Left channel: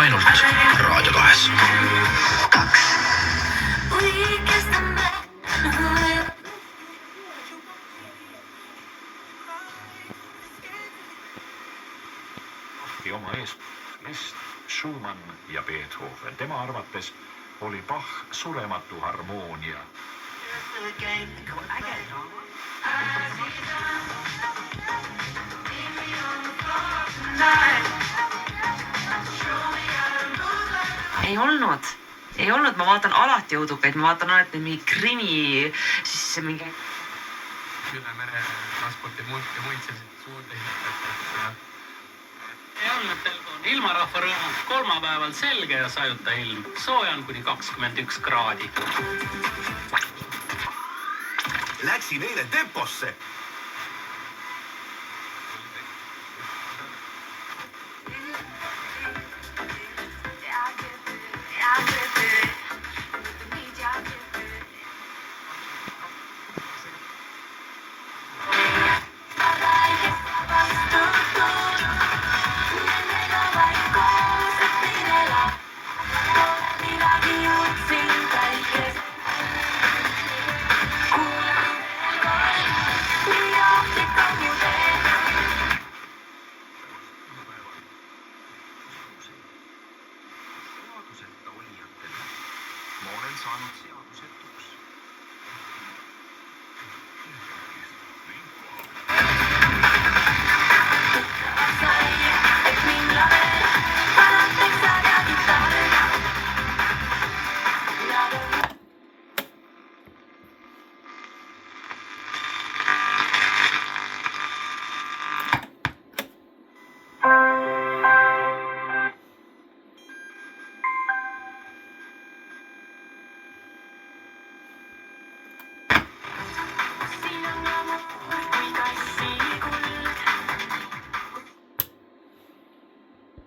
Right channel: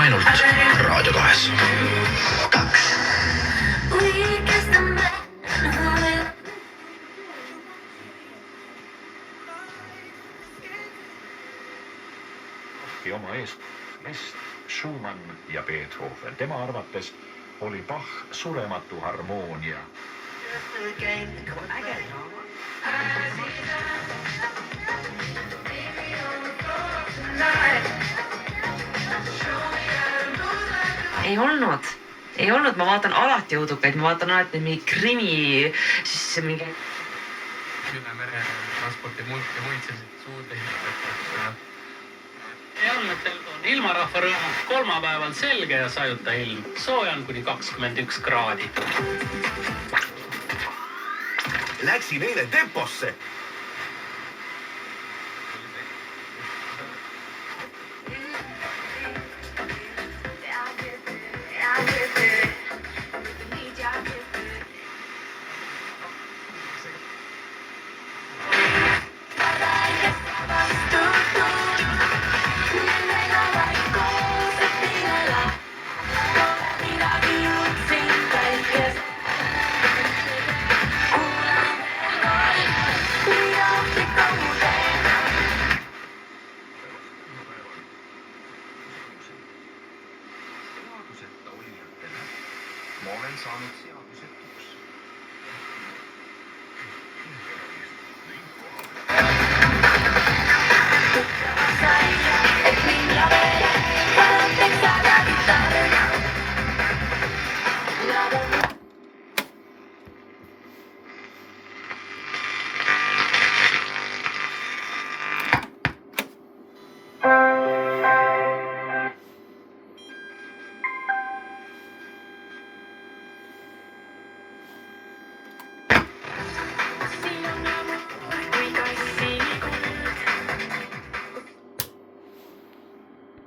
ainult Raadio 2. Oma eest Schumann ja Beethoven. Tema arvates oli Bach surematu harmoonia. Ei olnud, ma vaatan alati õudukaid, ma vaatan alati mingi krimi, siis mingi... Üle mere transporti muid selliseid suurde Järgnetel on ilmarahva rõõmus kolmapäeval selge ja sajuta ilm. Sooja on kuni 21 kraadi. Läksin eile temposse. Ma olen saanud